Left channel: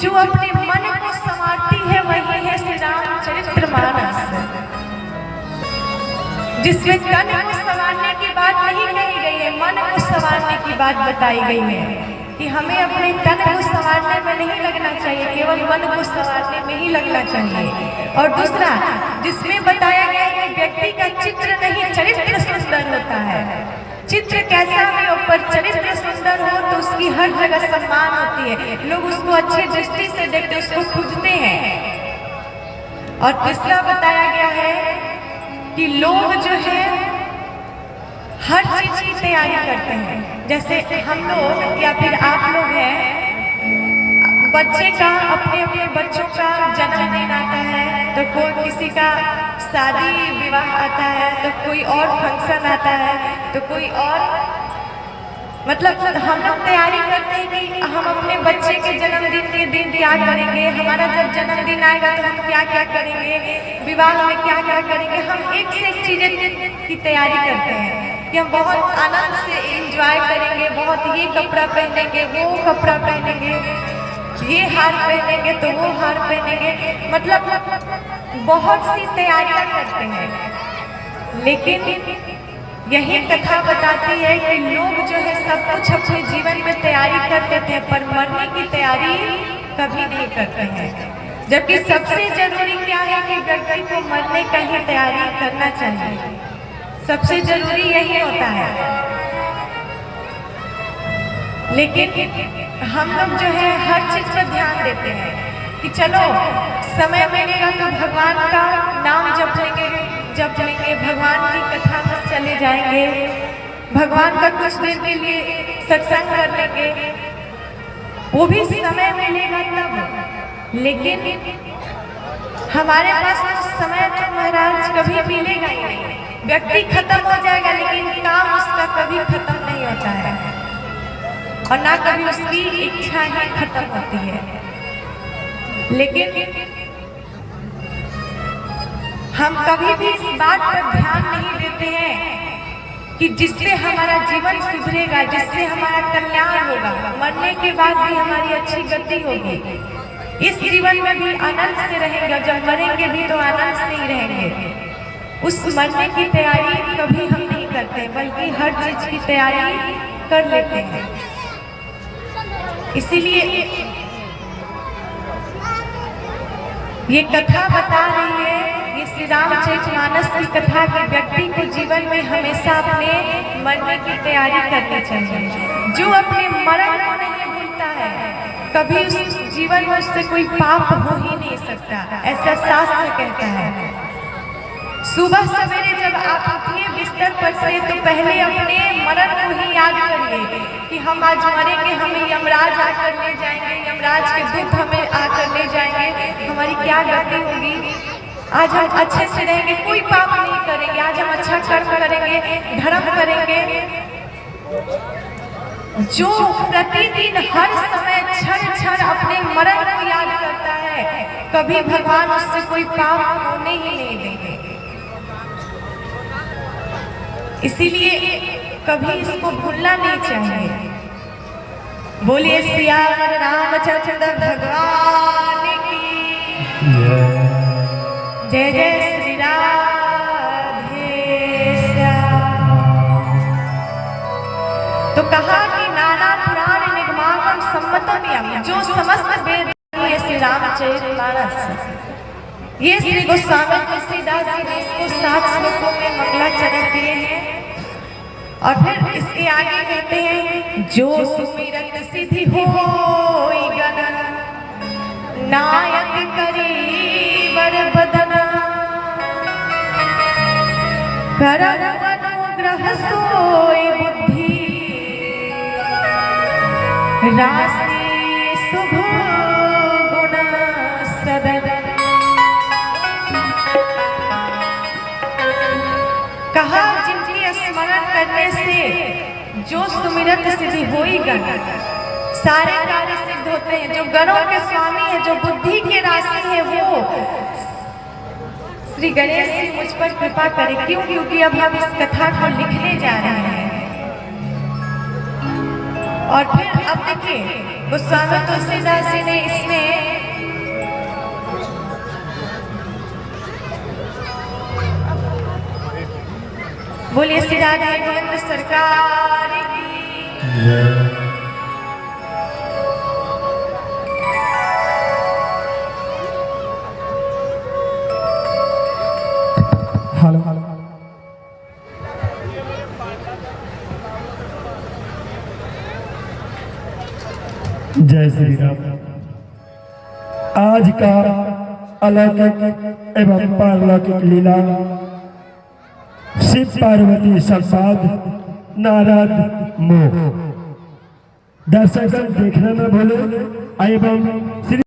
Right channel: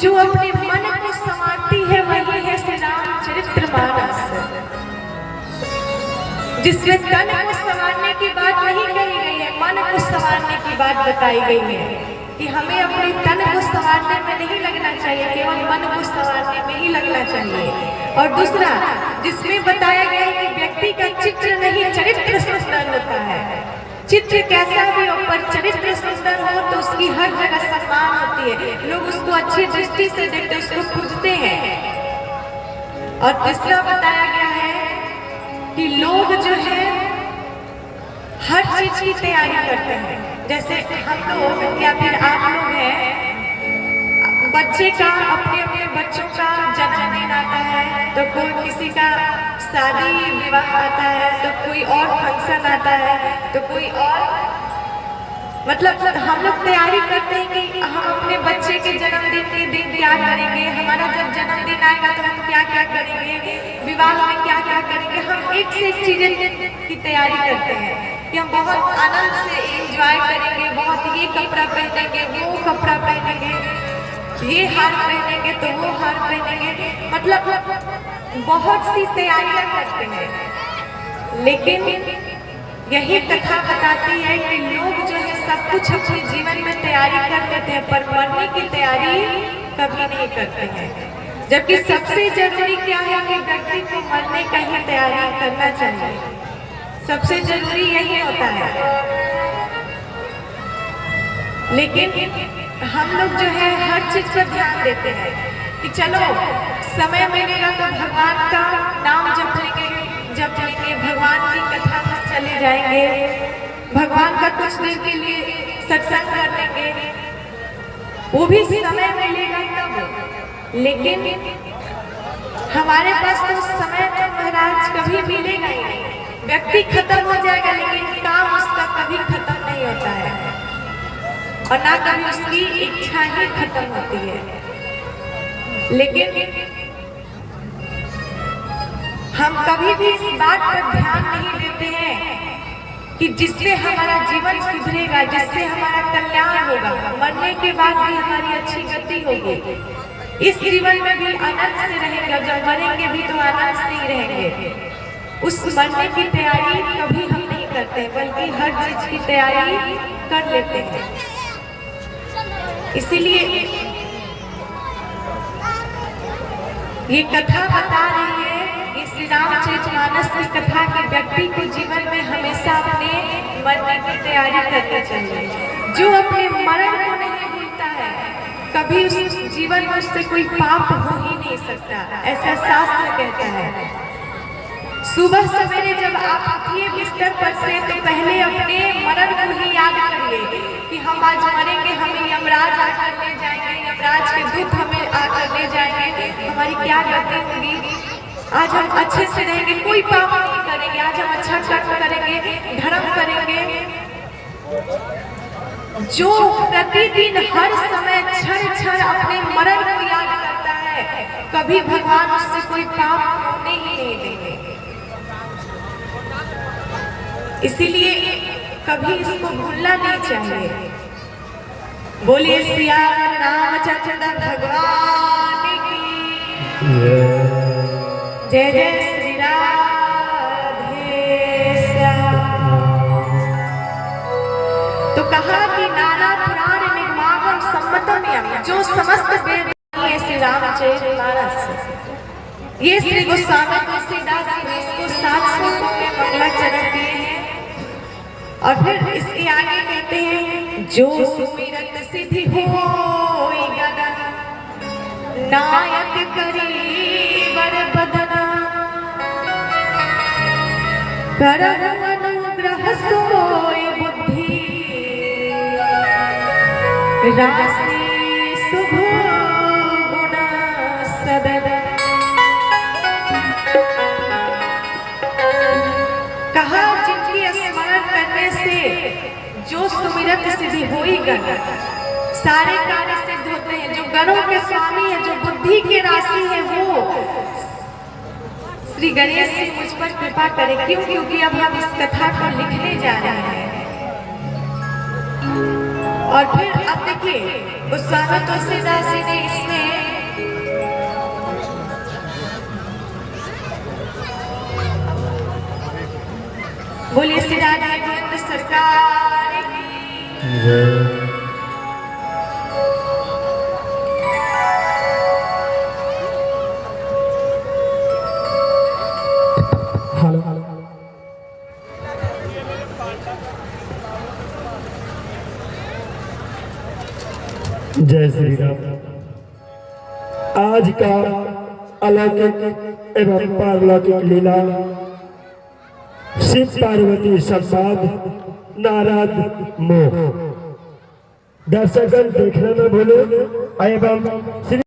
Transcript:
जो अपने मन को संवारती है वही है श्री रामचरितमानस, जिसमें तन को संवारने की बात नहीं कही गई है, मन को संवारने की बात बताई गई है कि हमें अपने तन को संवारने में नहीं लगना चाहिए, केवल मन को संवारने में ही लगना चाहिए। और दूसरा जिसमें बताया गया है कि व्यक्ति का चित्र नहीं चरित्र सुंदर होता है, चित्र कैसा भी हो पर चरित्र सुंदर हो तो उसकी हर जगह सम्मान होती है, लोग उसको अच्छी दृष्टि से देखते उसको पूजते हैं। और तीसरा बताया गया है कि लोग जो है हर चीज की तैयारी करते हैं, जैसे हम लोग या फिर आप लोग हैं, बच्चे का अपने अपने बच्चों का जन्मदिन आता है तो कोई किसी का शादी विवाह आता है तो कोई और फंक्शन आता है तो कोई और, मतलब हम लोग तैयारी करते हैं कि हम अपने बच्चे के जन्मदिन के दिन क्या करेंगे, हमारा जब जन्मदिन आएगा तो हम क्या क्या करेंगे, विवाह में क्या क्या करेंगे, हम एक से एक चीजें की तैयारी करते हैं कि हम बहुत आनंद से एंजॉय करेंगे, बहुत ये कपड़ा पहनेंगे, वो कपड़ा पहनेंगे, ये हार पहनेंगे तो वो हार पहनेंगे, मतलब बहुत सी तैयारियां करते हैं। लेकिन यही कथा बताती है कि लोग जो है सब कुछ अपने जीवन में तैयारी कर लेते हैं पर मरने की तैयारी कभी नहीं करते हैं, जबकि सबसे जरूरी क्या है कि व्यक्ति को मरने का ही तैयारी करना चाहिए, सबसे जरूरी यही होता है। लेकिन हम लोग जो है हर चीज पर ध्यान देते हैं कि चलो समय मिलेगा तो भगवान का नाम जप लेंगे, भगवान की कथा में चले जाएंगे, भगवान का कुछ देर के लिए सत्संग कर लेंगे, वो भी समय मिलेगा तब। लेकिन हमारे पास तो समय तो महाराज कभी मिलेगा ही नहीं, व्यक्ति खत्म हो जाएगा लेकिन काम उसका कभी खत्म नहीं होता है और ना कभी उसकी इच्छा ही खत्म होती है। लेकिन हम कभी भी इस बात पर ध्यान नहीं देते हैं कि जिससे हमारा जीवन सुधरेगा, जिससे हमारा कल्याण होगा, मरने के बाद भी हमारी अच्छी गति होगी, इस जीवन में भी आनंद से रहेगा, जब मरेंगे भी तो आनंद से ही रहेंगे। उस मरने की तैयारी कभी हम नहीं करते बल्कि हर चीज की तैयारी कर लेते हैं। इसीलिए ये कथा बता रही है, ये श्री रामचरितमानस की कथा के व्यक्ति को जीवन में हमेशा अपने मरने की तैयारी करनी चाहिए। जो अपने मरण को नहीं भूलता है कभी उस जीवन में उससे कोई पाप हो ही नहीं सकता, ऐसा शास्त्र कहता है। सुबह सवेरे जब आप उठिए बिस्तर पर से तो पहले अपने मरण को ही याद करिए कि हम आज मरेंगे, हमें यमराज आकर ले जाएंगे, यमराज के दूत हमें आकर ले जाएंगे, हमारी क्या गति होगी, आज हम अच्छे से रहेंगे, कोई पाप नहीं करेंगे, आज हम अच्छा कर्म करेंगे, धर्म करेंगे। जो प्रतिदिन हर समय क्षण क्षण अपने मरण को याद करता है कभी भगवान उससे कोई पाप होने ही नहीं देंगे। इसीलिए कभी इसको भूलना नहीं चाहिए। बोलिए सियावर रामचंद्र भगवान की जय, जय श्री राधे श्याम। तो कहा कि नाना पुराण निर्माण सम्मतो नियम, जो समस्त वेद ये श्री रामचरितमानस, ये श्री गोस्वामी तुलसीदास जी ने इसको 7 श्लोकों में मंगलाचरण दिए हैं। और फिर इसके आगे कहते हैं जो सुमिरत सिद्धि होई गगन, नायक करी बर बदना, करहु अनुग्रह सोई बुद्धि, राशि शुभ गुण सदन। कहा जिनकी स्मरण करने से जो सुमिरत सिद्धि होई गण, सारे कार्य सिद्ध होते हैं। जो गणों के स्वामी है, जो बुद्धि के राशि है, वो श्री गणेश जी मुझ पर कृपा करें। क्यों? क्योंकि अब हम इस कथा को लिखने जा रहे हैं। और फिर अब देखिए गोस्वामी तुलसीदास जी ने इसमें सरकार की। जय श्री राम। आज का अलौकिक एवं पारलौकिक लीला शिव पार्वती संवाद नारद मोह दर्शकगण देखना न भूले एवं श्री